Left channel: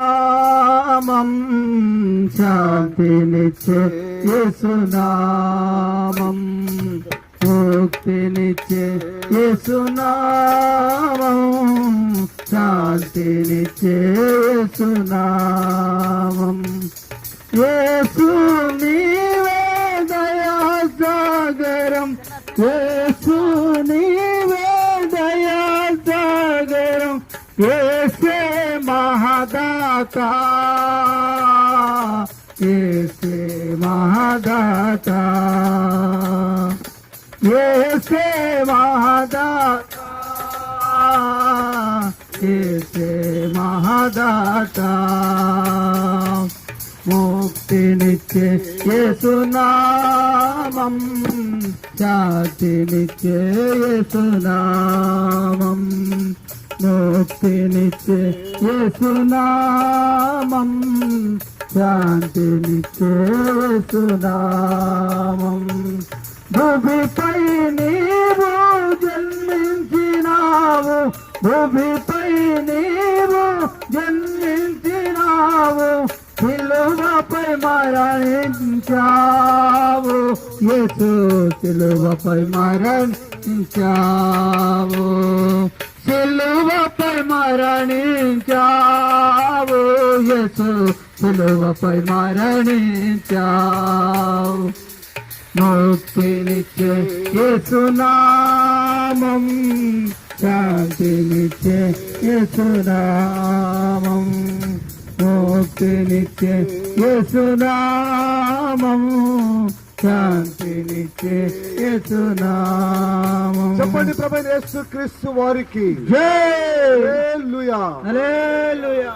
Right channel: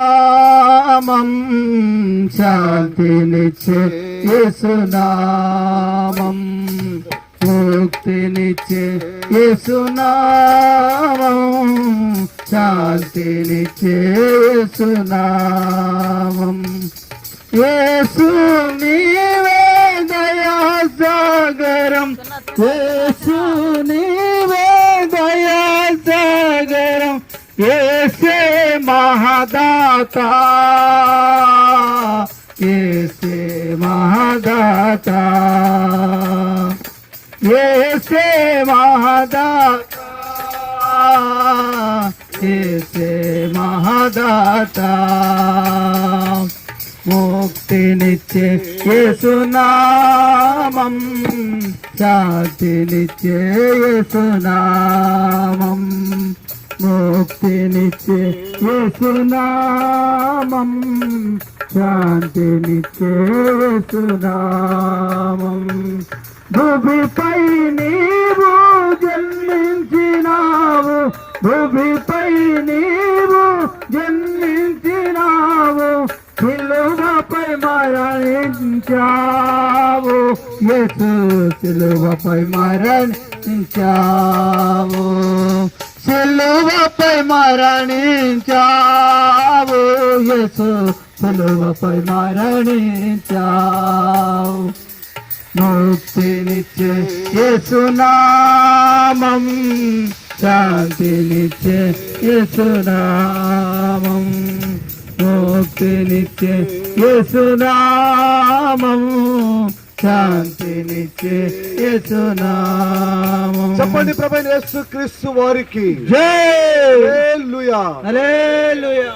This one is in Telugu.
నామం శాంతినిచ్చే యేసునామం, ముక్తినిచ్చే యేసునామం, శాంతినిచ్చే యేసునామం. యేసు నీవే దయా సాగరం, యేసు నీవే దయా సాగరం, యేసే మహాదాతా, యేసే మహాదాతా, యేసే మహాదాతా, యేసే మహాదాతా. ముక్తినిచ్చే యేసునామం, శాంతినిచ్చే యేసునామం, ముక్తినిచ్చే యేసునామం, శాంతినిచ్చే యేసునామం. భూమిపై నీవు జన్మించినావు, భూమిపై నీవు జన్మించినావు, సిలువపై మరణించావు, యేసు సిలువపై మరణించావు, సిలువపై మరణించావు, యేసు సిలువపై మరణించావు. ముక్తినిచ్చే యేసునామం, శాంతినిచ్చే యేసునామం, ముక్తినిచ్చే యేసునామం, శాంతినిచ్చే యేసునామం. చెప్పండి ప్రభువైన యేసుక్రీస్తు వారికి జై. హల్లెలూయా, హల్లెలూయా.